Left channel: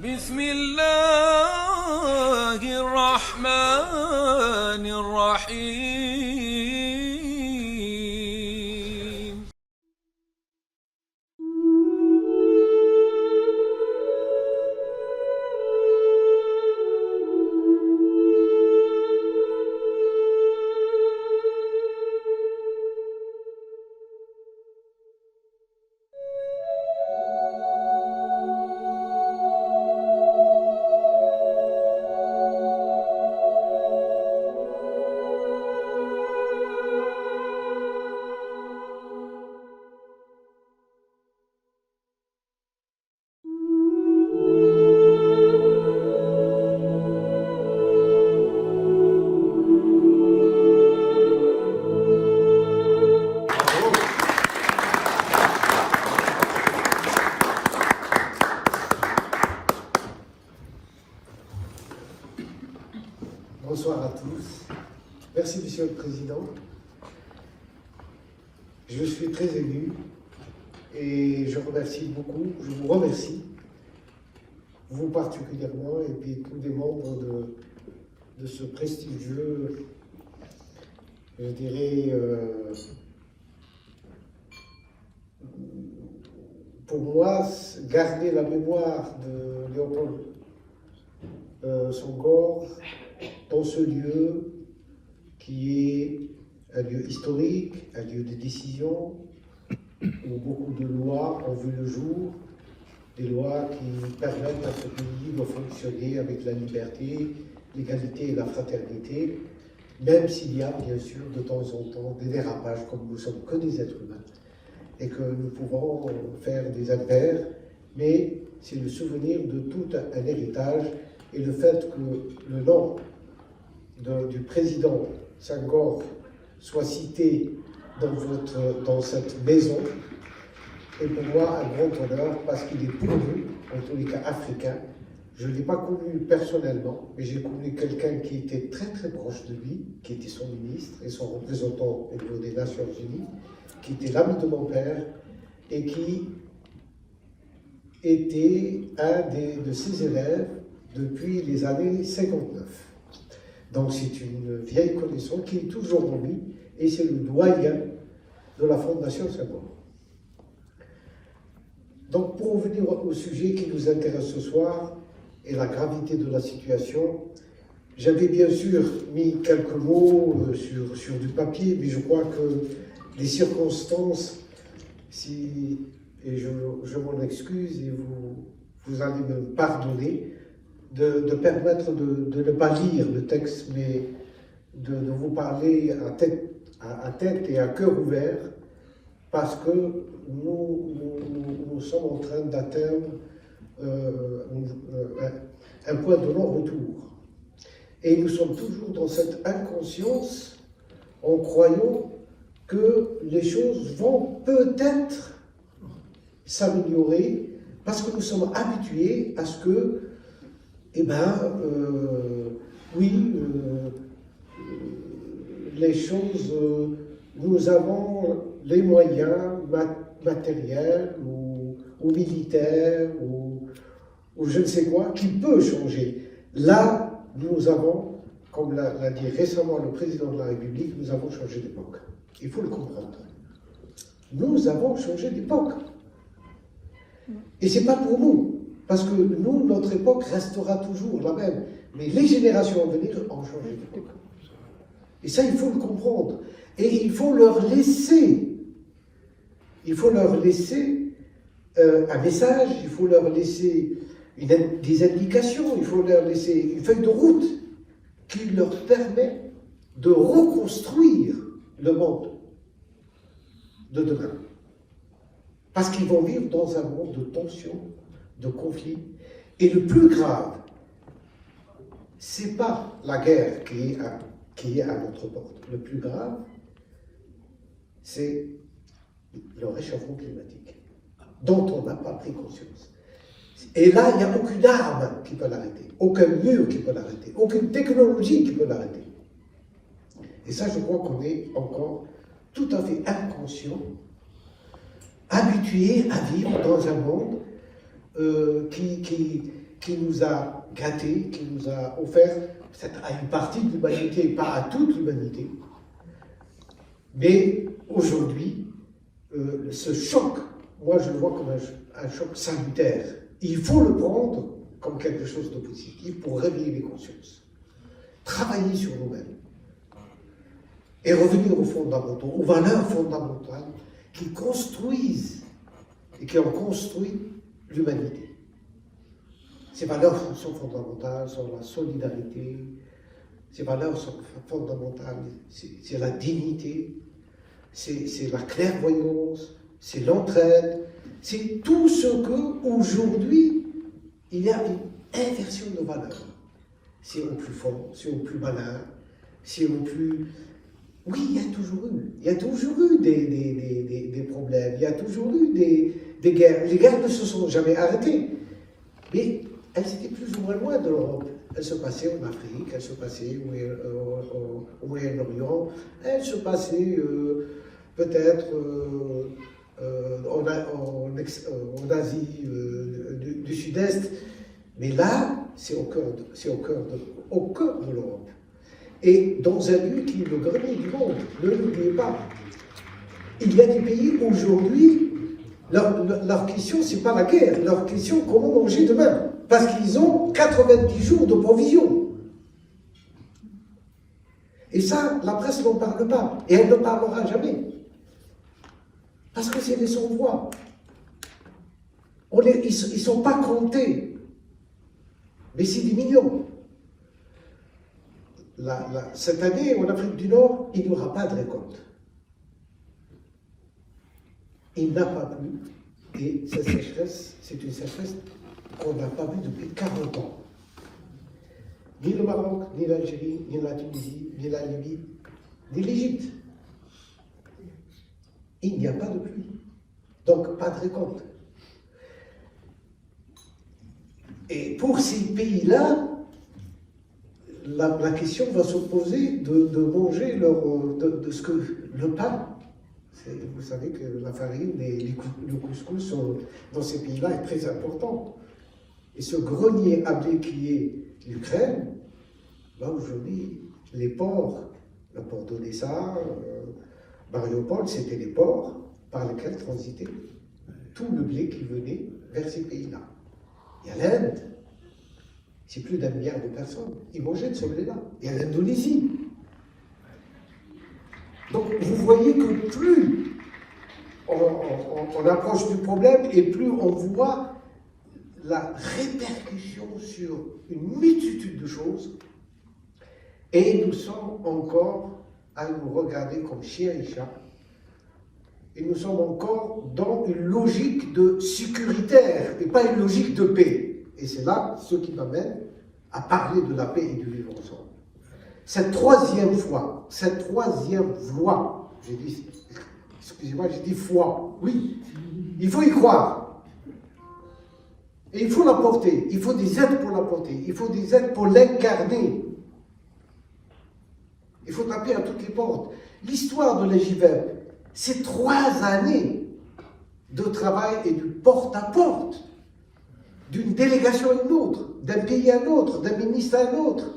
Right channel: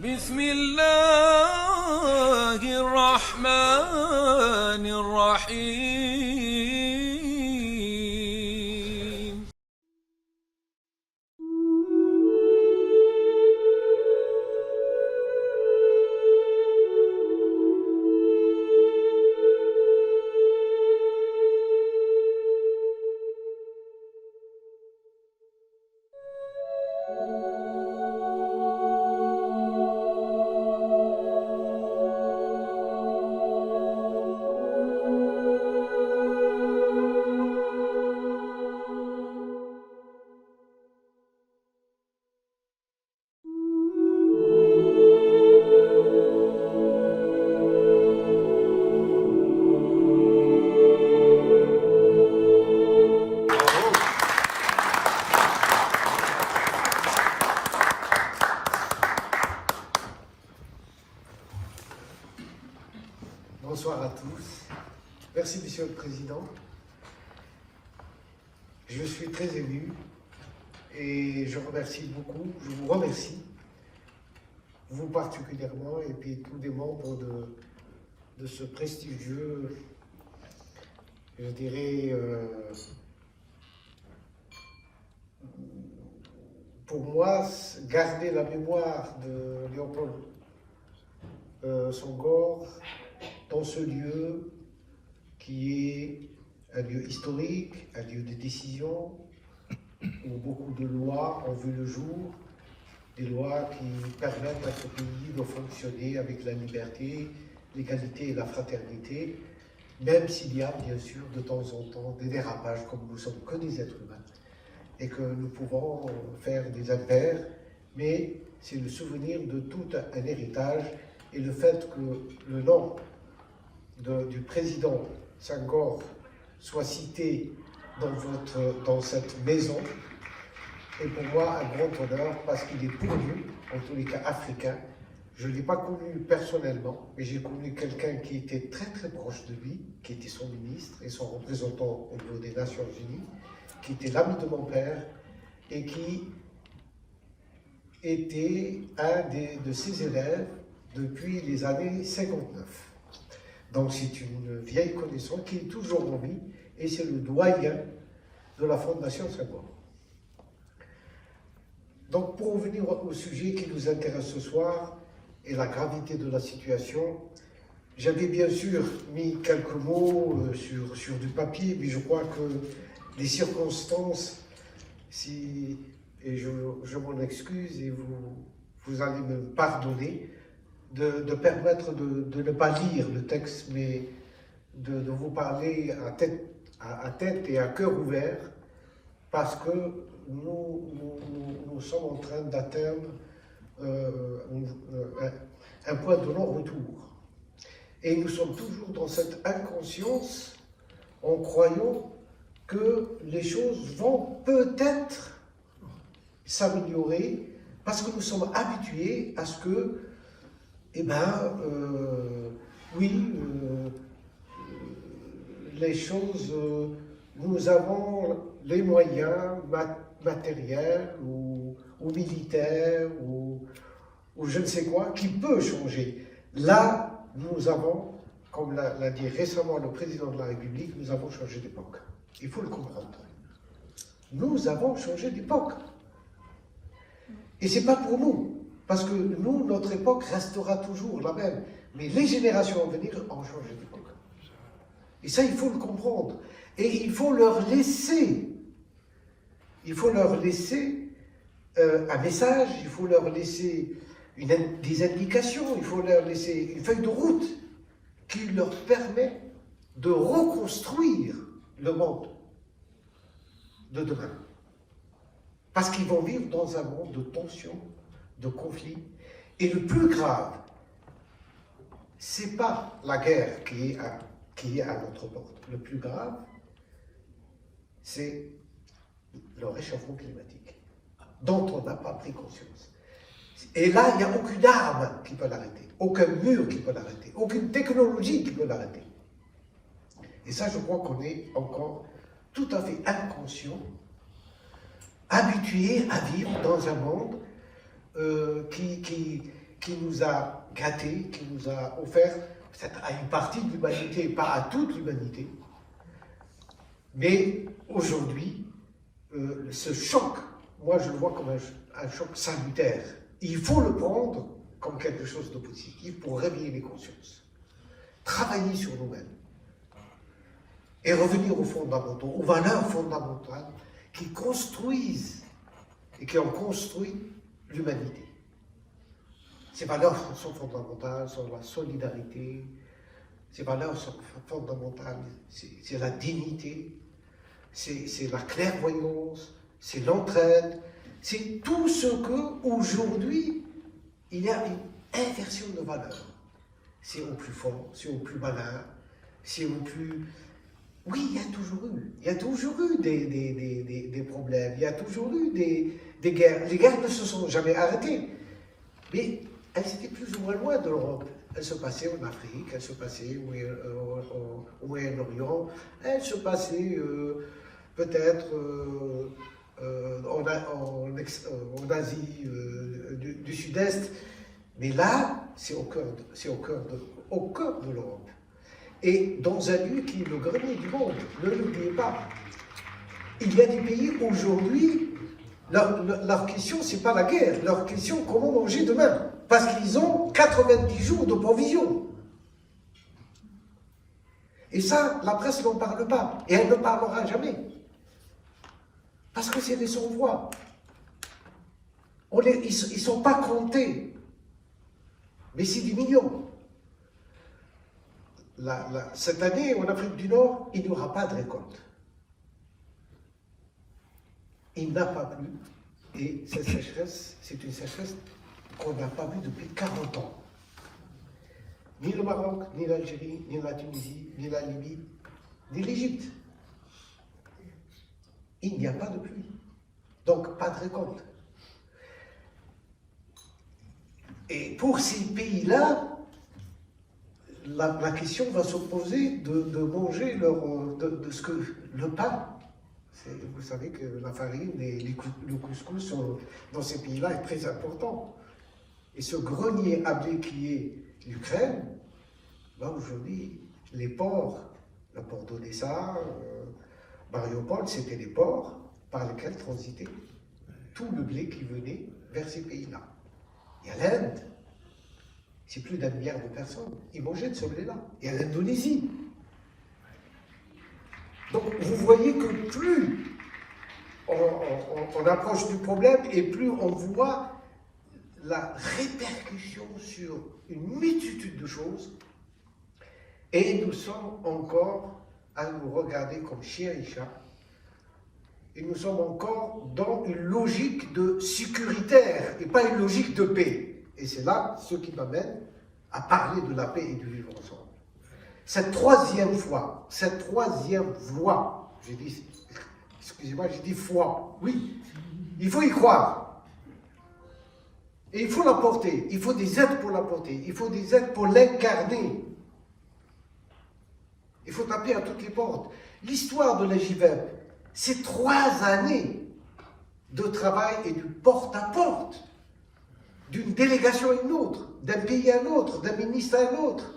بسم الله الرحمن الرحيم. Bonsoir à tous. Merci, Monsieur le Président. Je suis très ému et je remercie beaucoup, je vous remercie, vous particulièrement, et puis tous les membres de ce prestigieux, je dirais, pour moi, garder la mémoire de Léopold Senghor dans ce lieu qui est un lieu historique, un lieu de décision, où beaucoup de lois ont vu le jour, des lois qui permettent à ce pays de fonctionner avec la liberté, l'égalité et la fraternité, même s'il y a bien sûr de temps en temps des dérapages, comme nous sommes que des êtres humains, et que nous pouvons faire des impairs, mais c'est le souvenir de tout un héritage, et le fait que le nom du président Senghor soit cité dans cette maison est pour moi un grand honneur parce qu'il est connu, en tous les cas africain. Je ne l'ai pas connu personnellement, mais j'ai connu quelqu'un qui était très très proche de lui, qui était son ministre et son représentant au niveau des Nations Unies, qui était l'ami de mon père et qui était un de ses élèves depuis les années 59. Donc c'est une vieille connaissance qui est toujours en vie et c'est le doyen de la Fondation Senghor. Donc pour revenir au sujet qui nous intéresse ce soir et la gravité de la situation, j'avais bien sûr mis quelques mots sur du papier, mais je crois que les circonstances, et je m'en excuse et vous allez me pardonner, de permettre de ne pas lire le texte, mais de vous parler à tête et à cœur ouvert, parce que nous sommes en train d'atteindre un point de non-retour. Et nous sommes toujours dans cette inconscience en croyant que les choses vont peut-être s'améliorer, parce que nous sommes habitués à ce que les choses, nous avons les moyens matériels ou militaires ou je ne sais quoi qui peut changer. Là, nous avons, comme l'a dit récemment le président de la République, nous avons changé d'époque. Il faut le comprendre. Nous avons changé d'époque. Et ce n'est pas pour nous. Parce que nous, notre époque restera toujours la même. Mais les générations à venir ont changé d'époque. Et ça, il faut le comprendre. Et il faut leur laisser un message, il faut leur laisser des indications, il faut leur laisser une feuille de route qui leur permet de reconstruire le monde de demain. Parce qu'ils vont vivre dans un monde de tension, de conflit. Et le plus grave, c'est pas la guerre qui est à notre porte. Le plus grave, c'est le réchauffement climatique, dont on n'a pas pris conscience. Et là, il n'y a aucune arme qui peut l'arrêter, aucun mur qui peut l'arrêter, aucune technologie qui peut l'arrêter. Et ça, je crois qu'on est encore tout à fait inconscient, habitué à vivre dans un monde qui qui nous a gâtés, qui nous a offert, peut-être à une partie de l'humanité, pas à toute l'humanité. Mais aujourd'hui, ce choc, moi je le vois comme un choc salutaire. Il faut le prendre comme quelque chose de positif pour réveiller les consciences. Travailler sur nous-mêmes et revenir aux fondamentaux, aux valeurs fondamentales qui construisent et qui ont construit l'humanité. Ces valeurs sont fondamentales, sont la solidarité, ces valeurs sont fondamentales, c'est la dignité, c'est la clairvoyance, c'est l'entraide, c'est tout ce que aujourd'hui il y a une inversion de valeurs. C'est au plus fort, c'est au plus malin, c'est au plus... Oui, il y a toujours eu des problèmes, il y a toujours eu des guerres. Les guerres ne se sont jamais arrêtées, mais elles étaient plus ou moins loin de l'Europe. Elles se passaient en Afrique, elles se passaient au Moyen-Orient, elles se passaient peut-être en Asie du Sud-Est, mais là, c'est au cœur de l'Europe. Et dans un lieu qui est le grenier du monde, ne l'oubliez pas. Il y a des pays aujourd'hui, leur question, ce n'est pas la guerre, leur question, comment manger demain, parce qu'ils ont 90 jours de provision. Et ça, la presse n'en parle pas, et elle ne parlera jamais. Parce que c'est des sans-voix. Ils ne sont pas comptés, mais c'est des millions. Cette année, en Afrique du Nord, il n'y aura pas de récolte. Il n'a pas plu, et cette sécheresse, c'est une sécheresse qu'on n'a pas vue depuis 40 ans. Ni le Maroc, ni l'Algérie, ni la Tunisie, ni la Libye, ni l'Égypte. Il n'y a pas de pluie, donc pas de récolte. Et pour ces pays-là, la question va se poser de manger de ce que le pain. Vous savez que la farine et le couscous dans ces pays-là est très important. Et ce grenier à blé qui est l'Ukraine, là aujourd'hui, les ports, le port d'Odessa, Mariupol, c'était les ports par lesquels transitait tout le blé qui venait vers ces pays-là. Il y a l'Inde, c'est plus d'1 milliard de personnes, ils mangeaient de ce blé-là. Il y a l'Indonésie. Donc vous voyez que plus on approche du problème et plus on voit la répercussion sur une multitude de choses, et nous sommes encore à nous regarder comme chiens et chats, et nous sommes encore dans une logique de sécuritaire et pas une logique de paix. Et c'est là ce qui m'amène à parler de la paix et du vivre ensemble. Cette troisième voie, j'ai dit, excusez-moi, j'ai dit foi, oui, il faut y croire. Et il faut la porter, il faut des aides pour la porter, il faut des aides pour l'incarner. Il faut taper à toutes les portes. L'histoire de l'EJVEP, c'est 3 années de travail et de porte-à-porte, d'une délégation à une autre, d'un pays à un autre, d'un ministre à un autre.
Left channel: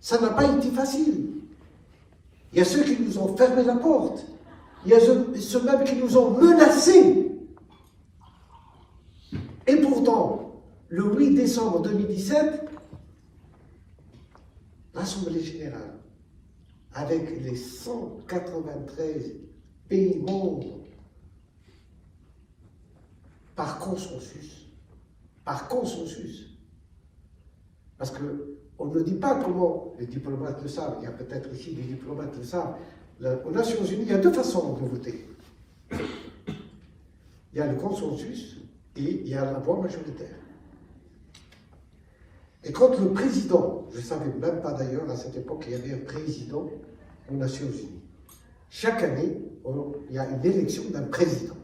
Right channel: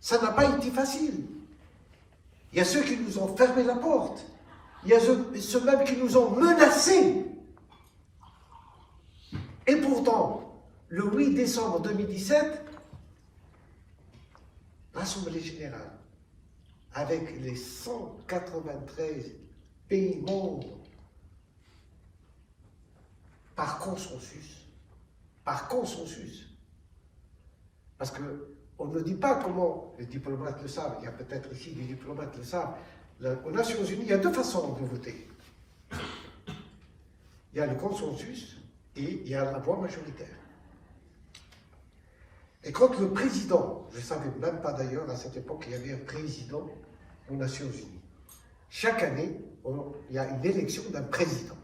Ça n'a pas été facile. Il y a ceux qui nous ont fermé la porte. Il y a ceux même qui nous ont menacés. Et pourtant, le 8 décembre 2017, l'Assemblée générale, avec les 193 pays membres, par consensus, parce qu'on ne dit pas comment les diplomates le savent, il y a peut-être ici des diplomates qui le savent, aux Nations Unies, il y a 2 façons de voter. Il y a le consensus et il y a la voix majoritaire. Et quand le président, je ne savais même pas d'ailleurs à cette époque qu'il y avait un président aux Nations Unies, chaque année, il y a une élection d'un président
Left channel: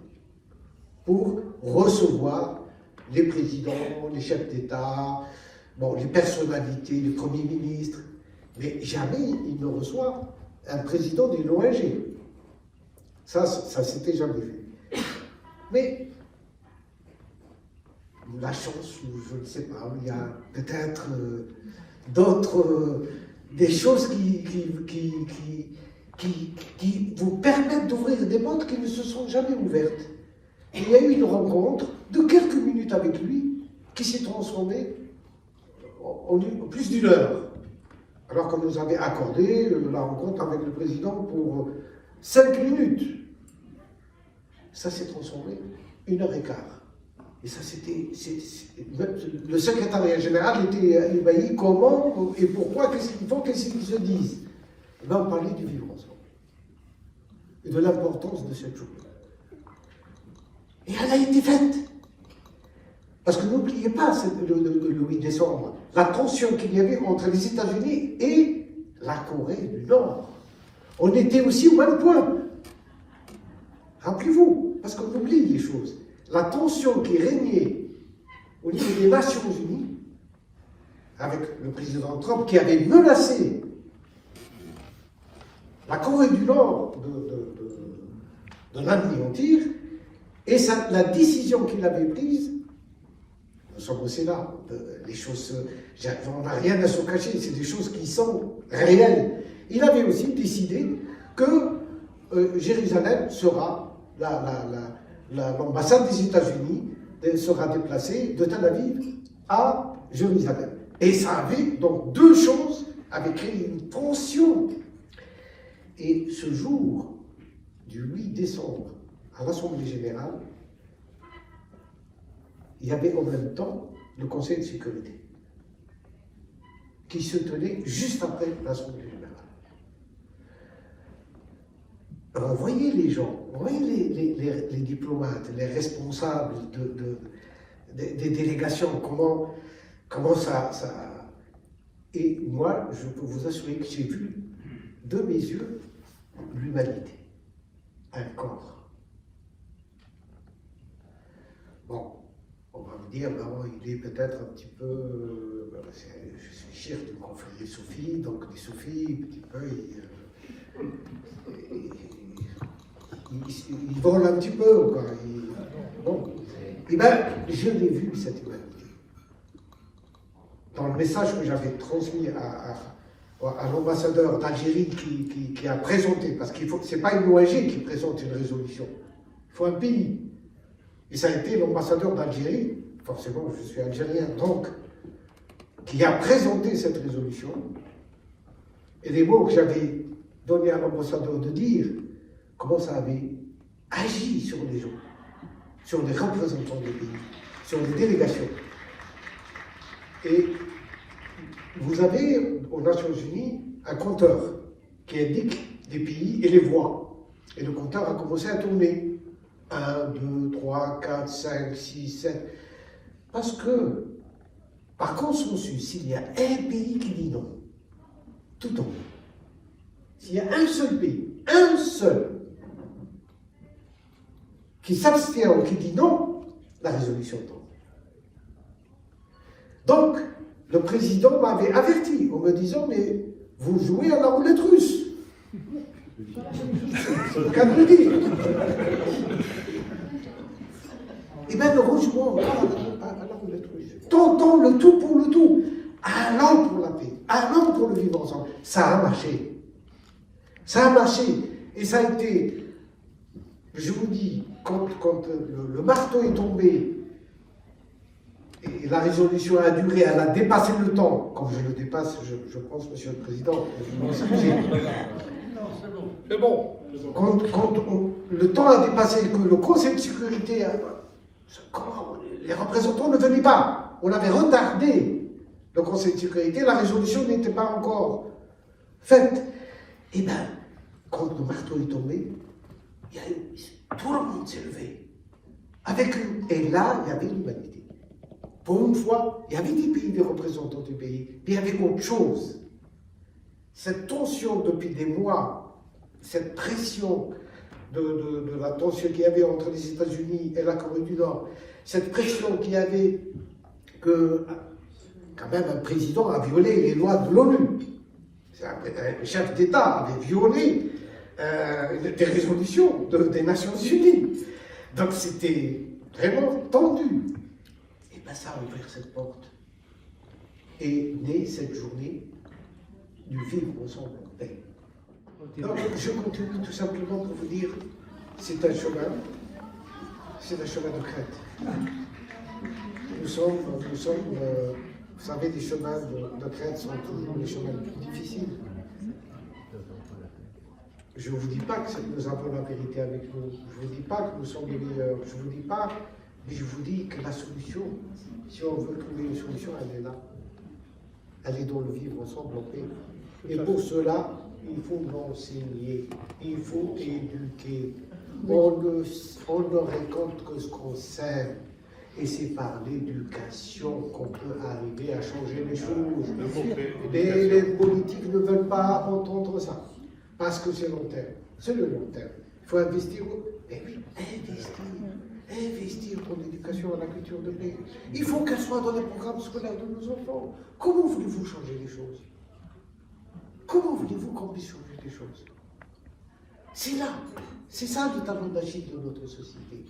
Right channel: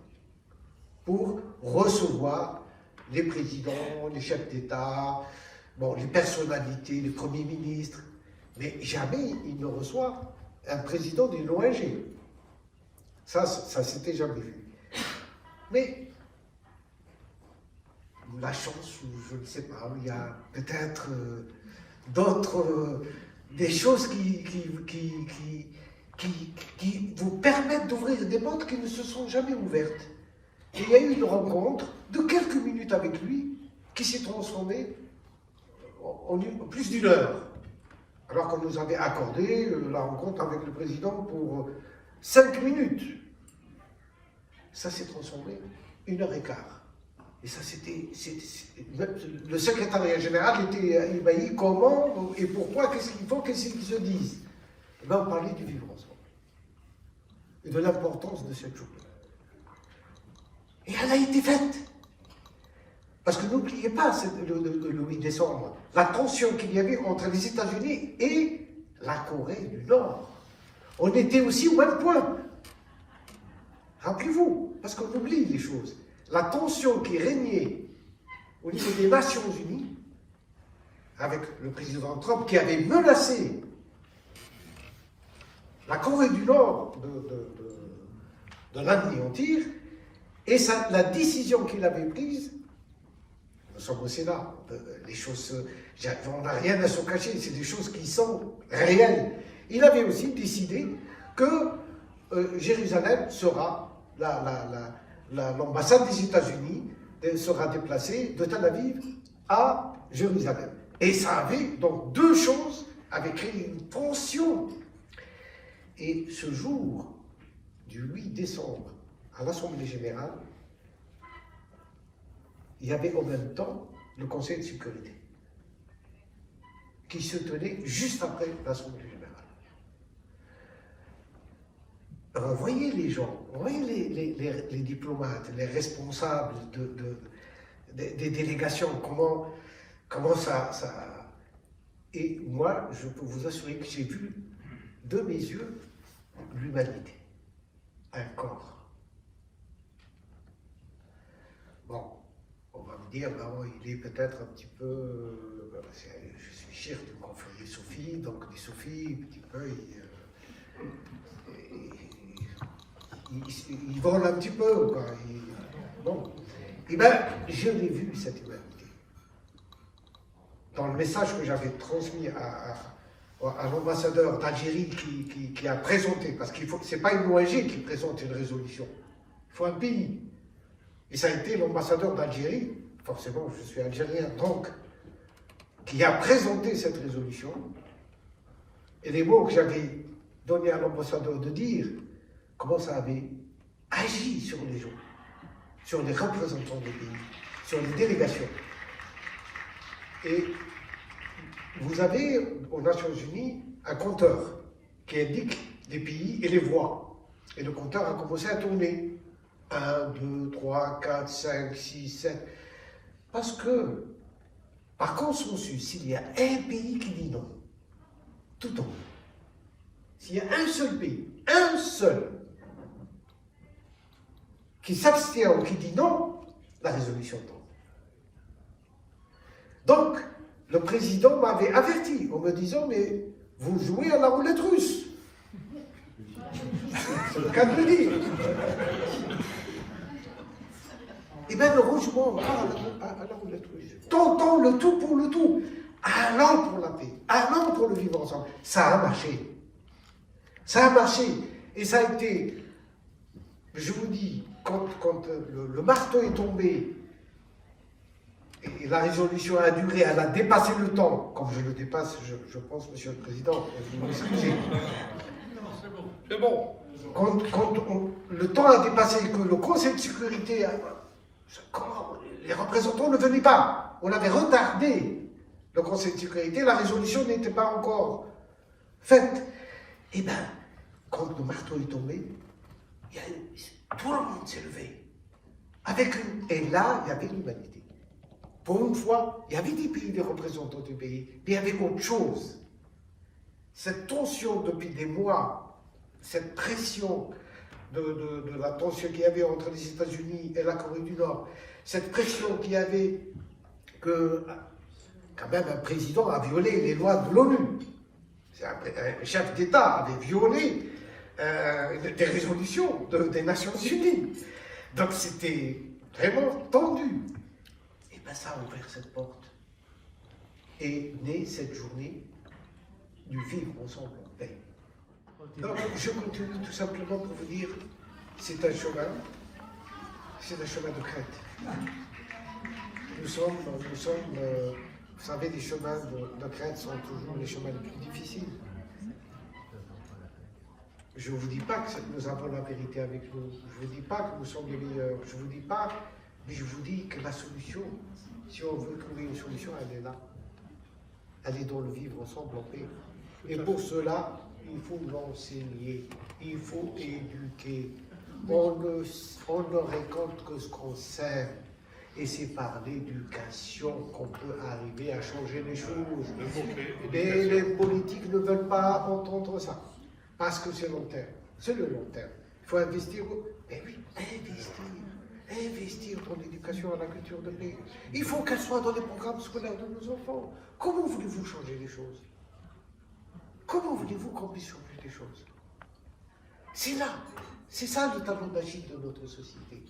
pour recevoir les présidents, les chefs d'État, bon, les personnalités, les premiers ministres, mais jamais il ne reçoit un président d'une ONG. Ça s'était jamais vu. Mais la chance, ou je ne sais pas, il y a peut-être d'autres, des choses qui vous permettent d'ouvrir des portes qui ne se sont jamais ouvertes. Et il y a eu une rencontre de quelques minutes avec lui qui s'est transformée en plus d'une heure. Alors qu'on nous avait accordé la rencontre avec le président pour 5 minutes. Ça s'est transformé 1h15. Et ça, c'était. Le secrétariat général était ébahi. Comment et pourquoi, qu'est-ce qu'il faut, qu'est-ce qu'ils se disent? Et bien, on parlait du vivre ensemble. Et de l'importance de cette journée. Et elle a été faite. Parce que n'oubliez pas, le 8 décembre, la tension qu'il y avait entre les États-Unis et la Corée du Nord. On était aussi au même point. Rappelez-vous, parce qu'on oublie les choses. La tension qui régnait au niveau des Nations Unies, avec le président Trump qui avait menacé la Corée du Nord de l'anéantir, et la décision qu'il avait prise, nous sommes au Sénat, les choses, on n'a rien à se cacher, c'est des choses qui sont réelles. Il avait aussi décidé que Jérusalem sera, l'ambassade des États-Unis sera déplacée de Tel Aviv à Jérusalem. Et ça avait, donc, deux choses avaient créé une tension. Et ce jour du 8 décembre, à l'Assemblée générale, il y avait en même temps le Conseil de sécurité qui se tenait juste après l'Assemblée générale. Alors, voyez les gens, voyez les diplomates, les responsables des délégations, comment ça... Et moi, je peux vous assurer que j'ai vu de mes yeux l'humanité, un corps. Bon, on va me dire, maman, il est peut-être un petit peu... je suis cher de confrérie Sophie, donc les Sophies, un petit peu, il vole un petit peu, quoi. Bon. Eh bien, je l'ai vu, cette humanité. Dans le message que j'avais transmis à l'ambassadeur d'Algérie qui a présenté, parce que ce n'est pas une ONG qui présente une résolution, il faut un pays. Et ça a été l'ambassadeur d'Algérie, forcément je suis algérien, donc, qui a présenté cette résolution. Et les mots que j'avais donnés à l'ambassadeur de dire, comment ça avait agi sur les gens, sur les représentants des pays, sur les délégations. Et vous avez aux Nations Unies un compteur qui indique les pays et les voix. Et le compteur a commencé à tourner. 1, 2, 3, 4, 5, 6, 7. Parce que, par consensus, s'il y a un pays qui dit non, tout tombe. S'il y a un seul pays, un seul, qui s'abstient ou qui dit non, la résolution tombe. Donc, le président m'avait averti en me disant, mais vous jouez à la roulette russe. C'est le cas de le dire. Eh bien, heureusement, à la roulette russe. Tentons le tout pour le tout. Allons pour la paix. Allons pour le vivre ensemble. Ça a marché. Ça a marché. Et ça a été, je vous dis, quand le marteau est tombé, et la résolution a duré, elle a dépassé le temps. Comme je le dépasse, je pense, Monsieur le Président, vous m'excusez. C'est bon. Quand le temps a dépassé, que le Conseil de sécurité, les représentants ne venaient pas. On avait retardé le Conseil de sécurité, la résolution n'était pas encore faite. Eh bien, quand le marteau est tombé, tout le monde s'est levé. Et là, il y avait l'humanité. Pour une fois, il y avait des pays, des représentants du pays, mais il y avait autre chose. Cette tension depuis des mois, cette pression de la tension qu'il y avait entre les États-Unis et la Corée du Nord, cette pression qu'il y avait que, quand même, un président a violé les lois de l'ONU. Un chef d'État avait violé des résolutions des Nations Unies. Donc c'était vraiment tendu. Et ben, ça a ouvert cette porte. Et née cette journée du vivre ensemble en paix. Donc, je continue tout simplement pour vous dire, c'est un chemin de crête. Nous sommes, vous savez, les chemins de crête sont toujours les chemins les plus difficiles. Je ne vous dis pas que nous avons la vérité avec nous, je ne vous dis pas que nous sommes les meilleurs, je ne vous dis pas, mais je vous dis que la solution, si on veut trouver une solution, elle est là. Elle est dans le vivre ensemble en paix. Et pour cela, il faut l'enseigner, il faut éduquer. On ne récolte que ce qu'on sème. Et c'est par l'éducation qu'on peut arriver à changer les choses. Mais les politiques ne veulent pas entendre ça. Parce que c'est long terme. C'est le long terme. Il faut investir. Eh oui, investir dans l'éducation à la culture de paix. Il faut qu'elle soit dans les programmes scolaires de nos enfants. Comment voulez-vous changer les choses? Comment voulez-vous qu'on puisse changer les choses? C'est là, c'est ça le talon d'Achille de notre société.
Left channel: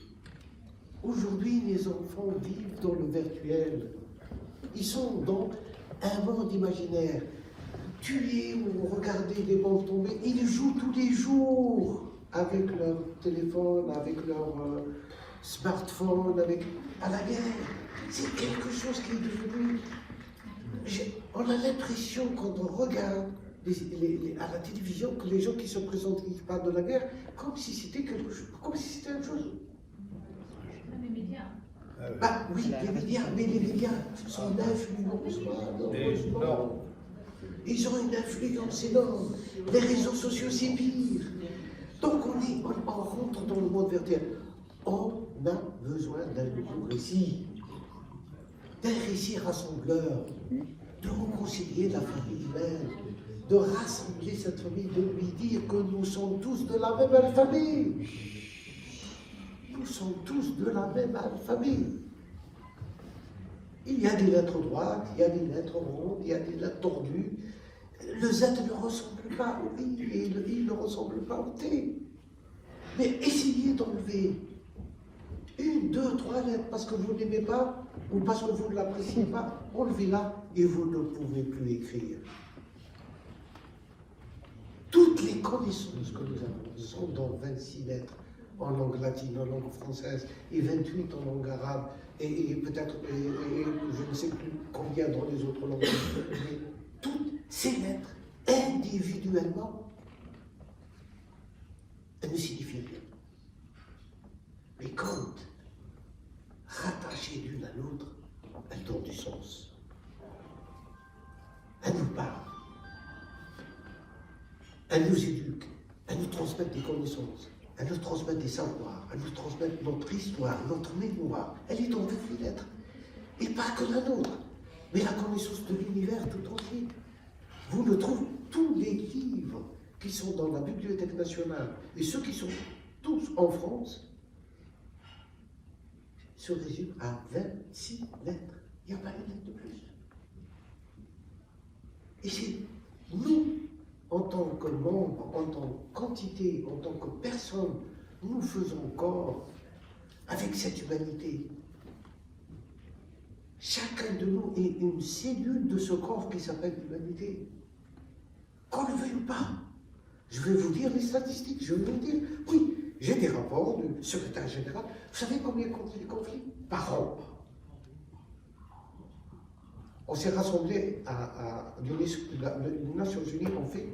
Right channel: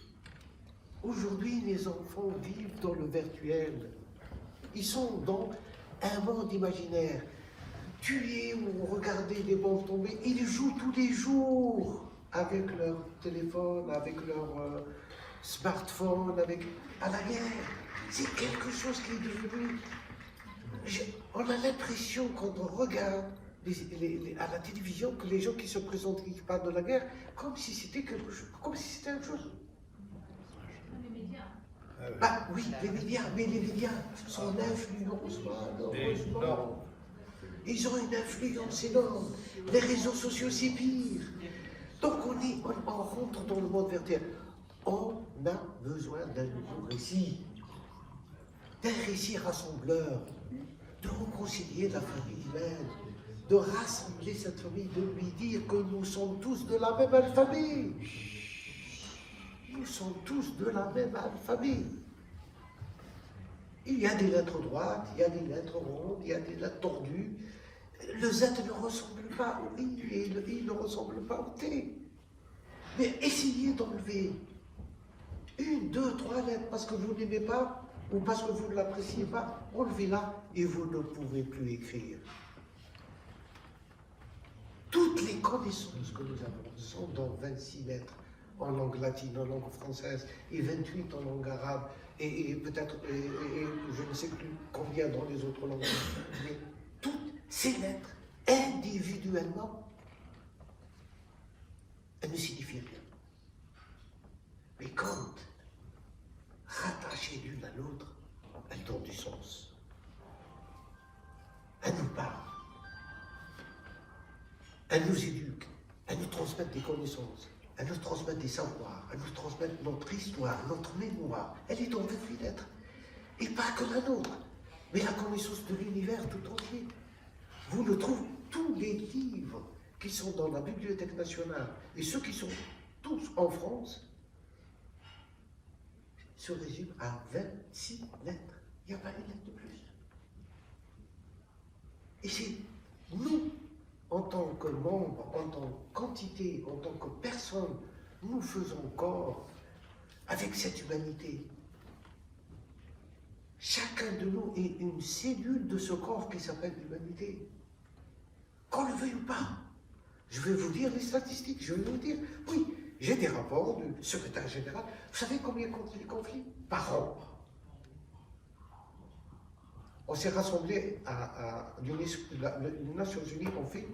Aujourd'hui, les enfants vivent dans le virtuel. Ils sont dans un monde imaginaire. Tuer ou regarder des bombes tomber, ils jouent tous les jours avec leur téléphone, avec leur smartphone, à la guerre. C'est quelque chose qui est devenu... On a l'impression, quand on regarde à la télévision, que les gens qui se présentent, qui parlent de la guerre, comme si c'était quelque chose, comme si c'était une chose. Les médias. Ah oui, les médias, mais les médias sont influencés, malheureusement. Ils ont une influence énorme. Les réseaux sociaux, c'est pire. Donc on rentre dans le monde virtuel. On a besoin d'un nouveau récit. D'un récit rassembleur. De réconcilier la famille humaine. De rassembler cette famille, de lui dire que nous sommes tous de la même famille. Nous sommes tous de la même famille. Il y a des lettres droites, il y a des lettres rondes, il y a des lettres tordues. Le Z ne ressemble pas au I et le I ne ressemble pas au T. Mais essayez d'enlever 1, 2, 3 lettres parce que vous n'aimez pas ou parce que vous ne l'appréciez pas. Enlevez-la et vous ne pouvez plus écrire. Toutes les connaissances que nous avons sont dans 26 lettres en langue latine, en langue française et 28 en langue arabe et peut-être, je ne sais plus combien dans les autres langues. Mais toutes ces lettres, individuellement, elles ne signifient rien. Mais quand rattachées l'une à l'autre, elles donnent du sens. Elles nous parlent. Elles nous éduquent. Elles nous transmettent des connaissances. Elles nous transmettent des savoirs. Elles nous transmettent notre histoire, notre mémoire. Elle est dans 28 lettres. Et pas que la nôtre, mais la connaissance de l'univers tout entier. Vous ne trouvez tous les livres qui sont dans la Bibliothèque nationale et ceux qui sont tous en France se résument à 26 lettres. Il n'y a pas une lettre de plus. Et c'est nous, en tant que membres, en tant que quantité, en tant que personne, nous faisons corps avec cette humanité. Chacun de nous est une cellule de ce corps qui s'appelle l'humanité. Qu'on le veuille ou pas. Je vais vous dire les statistiques, je vais vous dire, oui, j'ai des rapports du secrétaire général. Vous savez combien il y a de conflits par an? On s'est rassemblés à les Nations Unies, ont fait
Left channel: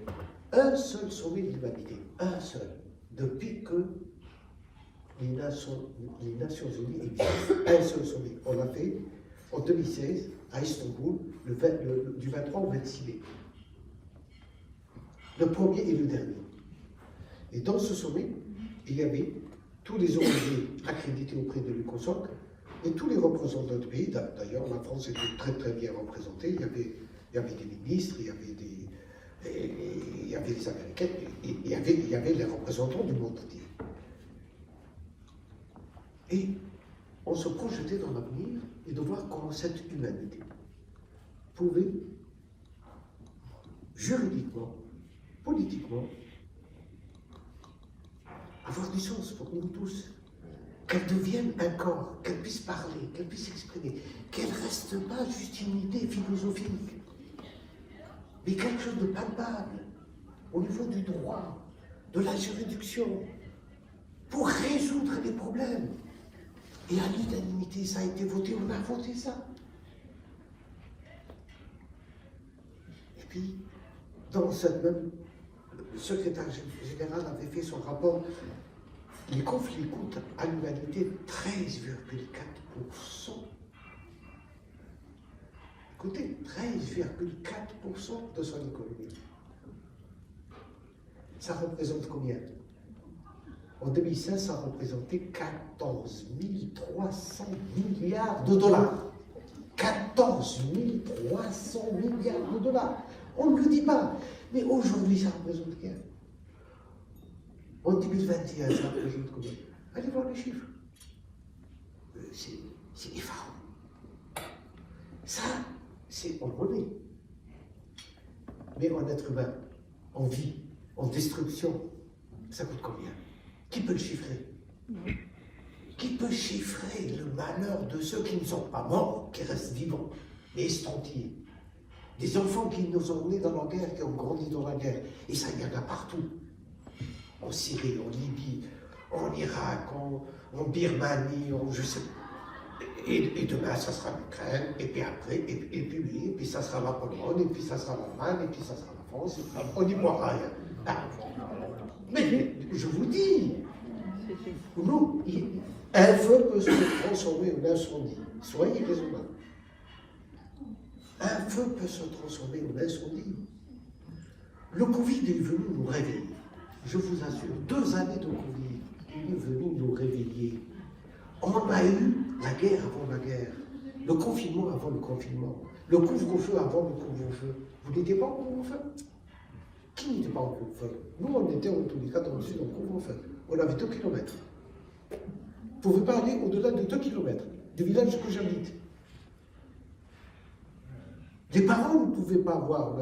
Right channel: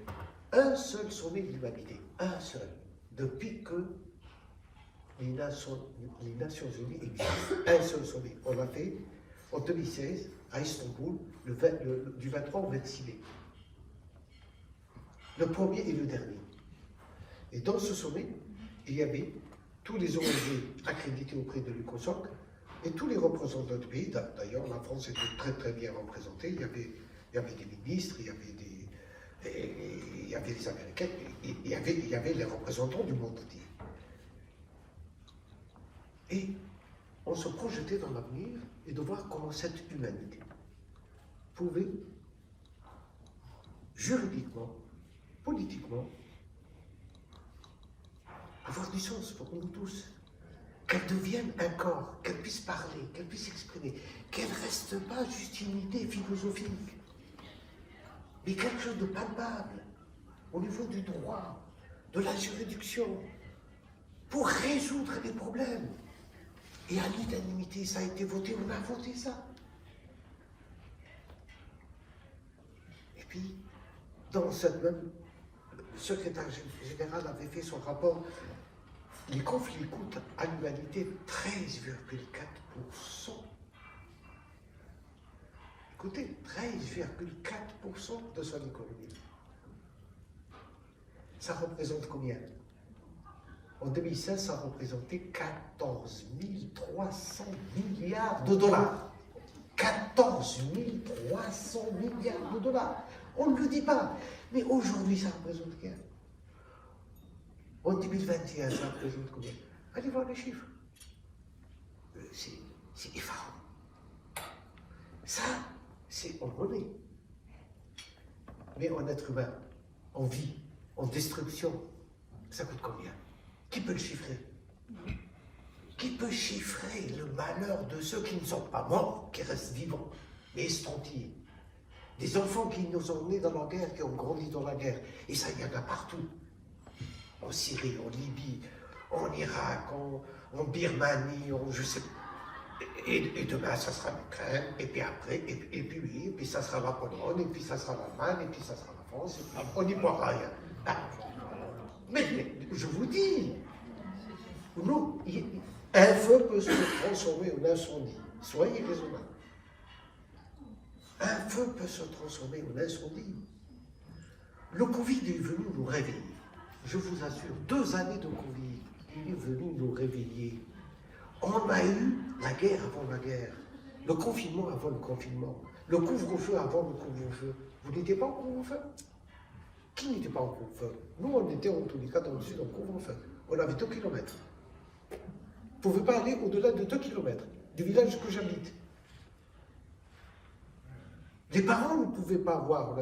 un seul sommet de l'humanité, un seul, depuis que les Nations Unies existent, un seul sommet. On l'a fait en 2016 à Istanbul, du 23 au 26 mai. Le premier et le dernier. Et dans ce sommet, il y avait tous les ONG accrédités auprès de l'UCOSOC et tous les représentants du pays. D'ailleurs, la France était très très bien représentée. Il y avait des ministres, il y avait les Américains, il y avait les représentants du monde entier. Et on se projetait dans l'avenir et de voir comment cette humanité pouvait juridiquement, politiquement, avoir du sens pour nous tous. qu'elle devienne un corps, qu'elle puisse parler, qu'elle puisse s'exprimer, qu'elle ne reste pas juste une idée philosophique, mais quelque chose de palpable au niveau du droit, de la juridiction, pour résoudre les problèmes. Et à l'unanimité, ça a été voté, on a voté ça. Et puis, dans cette même, le secrétaire général avait fait son rapport, les conflits coûtent à l'humanité 13,4%. Écoutez, 13,4% de son économie. Ça représente combien? En 2016, ça représentait 14 300 milliards de dollars. 14 300 milliards de dollars. On ne le dit pas. Mais aujourd'hui, ça représente rien. En 2021, ça représente combien? Allez voir les chiffres. C'est effarant. Ça, c'est en monnaie. Mais en être humain, en vie, en destruction, ça coûte combien? Qui peut le chiffrer? Qui peut chiffrer le malheur de ceux qui ne sont pas morts, qui restent vivants, mais estampillés? Des enfants qui nous ont nés dans la guerre, qui ont grandi dans la guerre. Et ça, il y en a partout. En Syrie, en Libye, en Irak, en Birmanie, je sais pas. Et demain, ça sera l'Ukraine, et puis après, et puis ça sera la Pologne, et puis ça sera l'Allemagne, et puis ça sera la France, on n'y voit rien. Mais je vous dis, nous, un feu peut se transformer en incendie. Soyez raisonnables. Un feu peut se transformer en incendie. Le Covid est venu nous réveiller. Je vous assure, 2 années de Covid, il est venu nous réveiller. On a eu la guerre avant la guerre, le confinement avant le confinement, le couvre-feu avant le couvre-feu. Vous n'étiez pas en couvre-feu? Qui n'était pas en couvre-feu? Nous, on était en tous les cas dans le sud en couvre-feu. On avait 2 kilomètres. Vous ne pouvez pas aller au-delà de 2 kilomètres du village que j'habite. Les parents ne pouvaient pas voir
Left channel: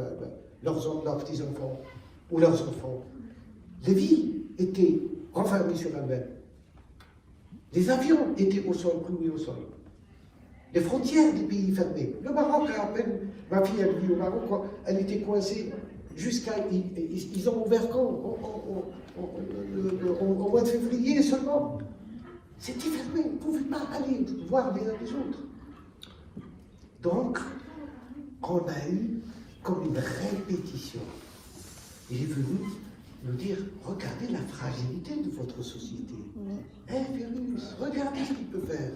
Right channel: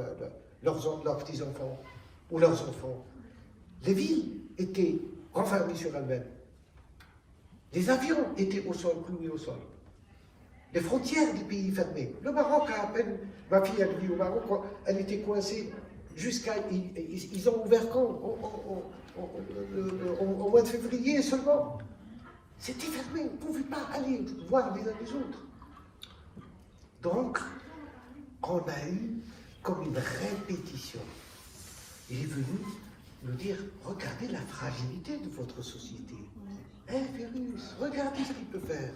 leurs petits-enfants ou leurs enfants. Les villes étaient renfermées sur elles-mêmes. Les avions étaient au sol, cloués au sol. Les frontières des pays fermés. Le Maroc, à peine, ma fille, elle vit au Maroc, elle était coincée jusqu'à... Ils ont ouvert quand? Au mois de février seulement. C'était fermé, on ne pouvait pas aller voir les uns les autres. Donc, on a eu comme une répétition. Il est venu nous dire, regardez la fragilité de votre société. Un virus, regardez ce qu'il peut faire.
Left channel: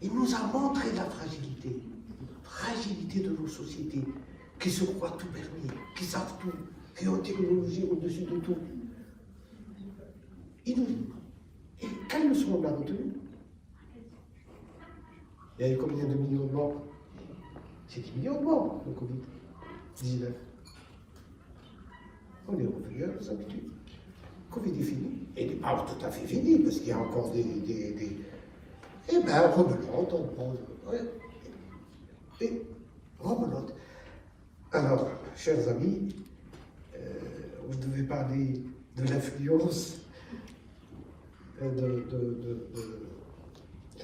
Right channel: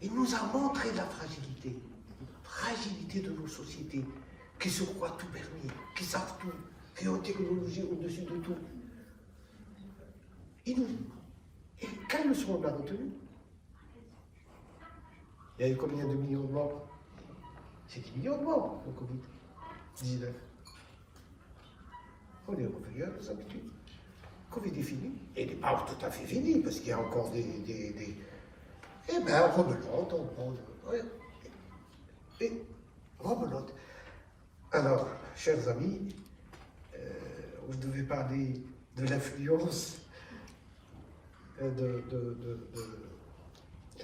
Il nous a montré la fragilité de nos sociétés, qui se croient tout permis, qui savent tout, qui ont technologie au-dessus de tout. Et quelle leçon on a retenue? Il y a eu combien de millions de morts? C'est 10 millions de morts, le Covid-19. On est revenu à nos habitudes. Le Covid est fini. Il n'est pas tout à fait fini, parce qu'il y a encore des... Eh bien, rebelote, on prend... Et rebelote. Alors, chers amis, vous devez parler de l'influence de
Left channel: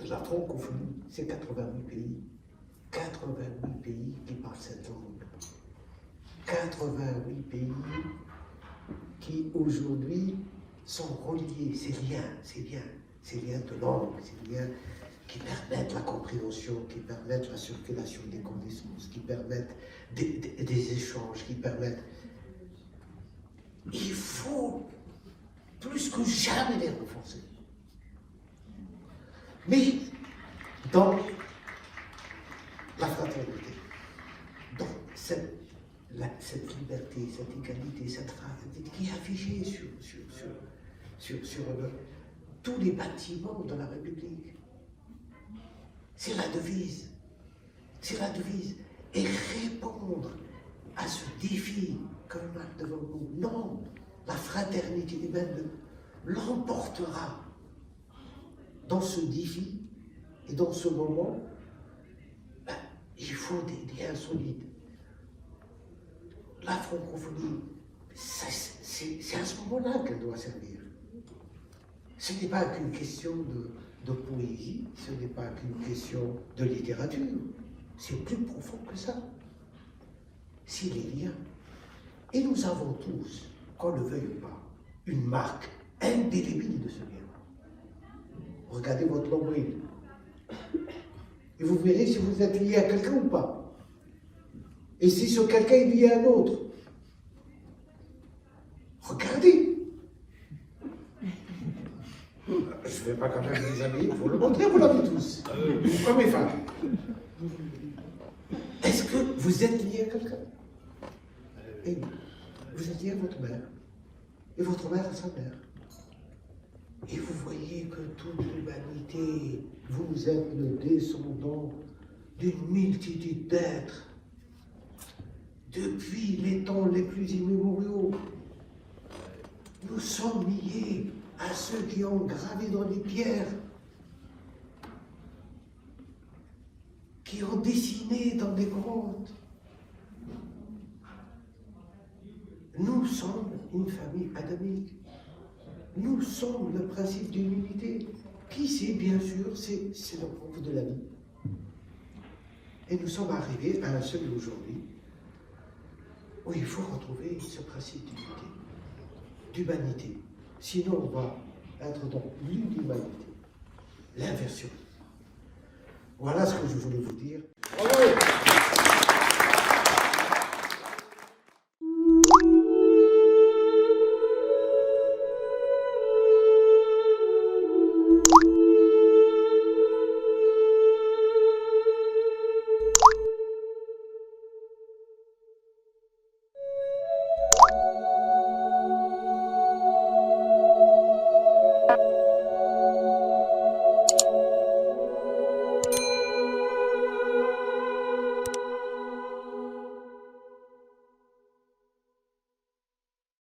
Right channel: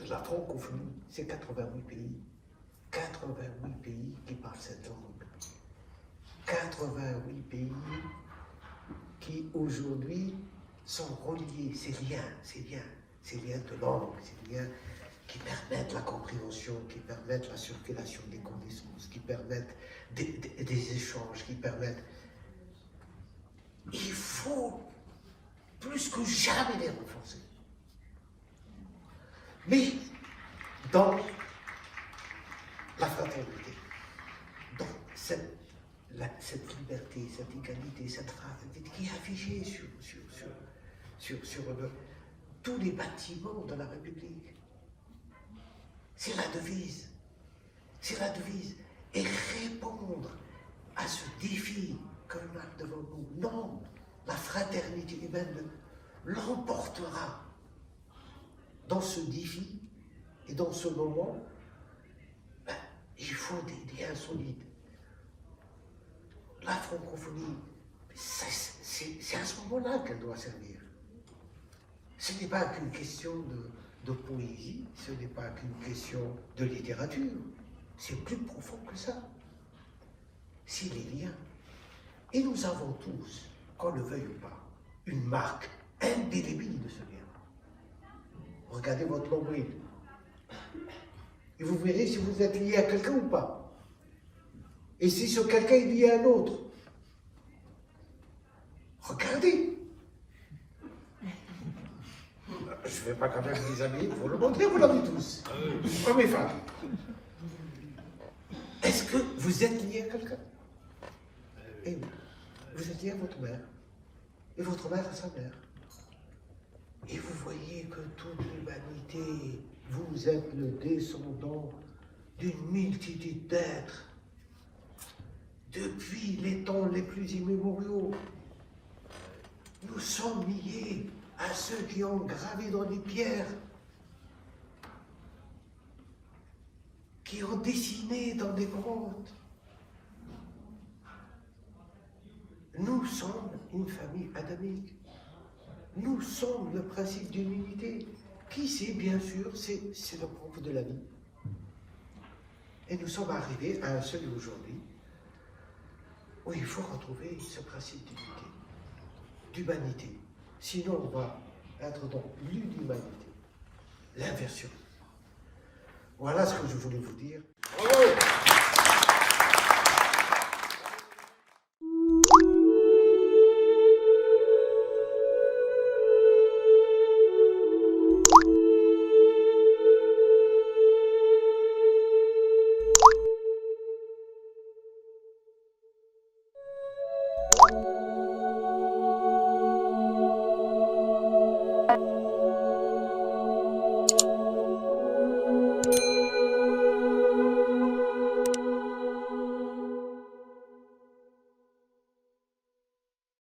la francophonie. C'est 88 pays. 88 pays qui parlent cette langue. 88 pays qui aujourd'hui sont reliés, ces liens de langue, ces liens qui permettent la compréhension, qui permettent la circulation des connaissances, qui permettent des échanges, qui permettent... Il faut plus que jamais les renforcer. Mais dans la fraternité, dans cette liberté, cette égalité, cette fraternité qui est affichée sur tous les bâtiments de la République. C'est la devise. C'est la devise. Et répondre à ce défi que l'on a devant nous. Non, la fraternité humaine l'emportera dans ce défi et dans ce moment. Il faut des liens solides. La francophonie, c'est à ce moment-là qu'elle doit servir. Ce n'est pas qu'une question de poésie, ce n'est pas qu'une question de littérature. C'est plus profond que ça. C'est les liens. Et nous avons tous, qu'on le veuille ou pas, une marque indélébile de ce lien. Regardez votre nombril. Et vous verrez si vous êtes lié à quelqu'un ou pas. Et si ce quelqu'un est lié à un autre. Regardez. Je ne vais pas quand même vous amis, vous le montrer, vous l'avez tous. Hommes et femmes. Est-ce que vous êtes lié à quelqu'un? Et vous êtes lié à votre mère. Et votre mère à sa mère. Et vous voyez que toute l'humanité, vous êtes le descendant d'une multitude d'êtres. Depuis les temps les plus immémoriaux, nous sommes liés à ceux qui ont gravé dans les pierres, qui ont dessiné dans des grottes. Nous sommes une famille adamique. Nous sommes le principe d'humilité, qui c'est bien sûr, c'est le propre de la vie. Et nous sommes arrivés à un seuil aujourd'hui où il faut retrouver ce principe d'humanité. Sinon, on va être dans l'inhumanité, l'inversion. Voilà ce que je voulais vous dire. Bravo!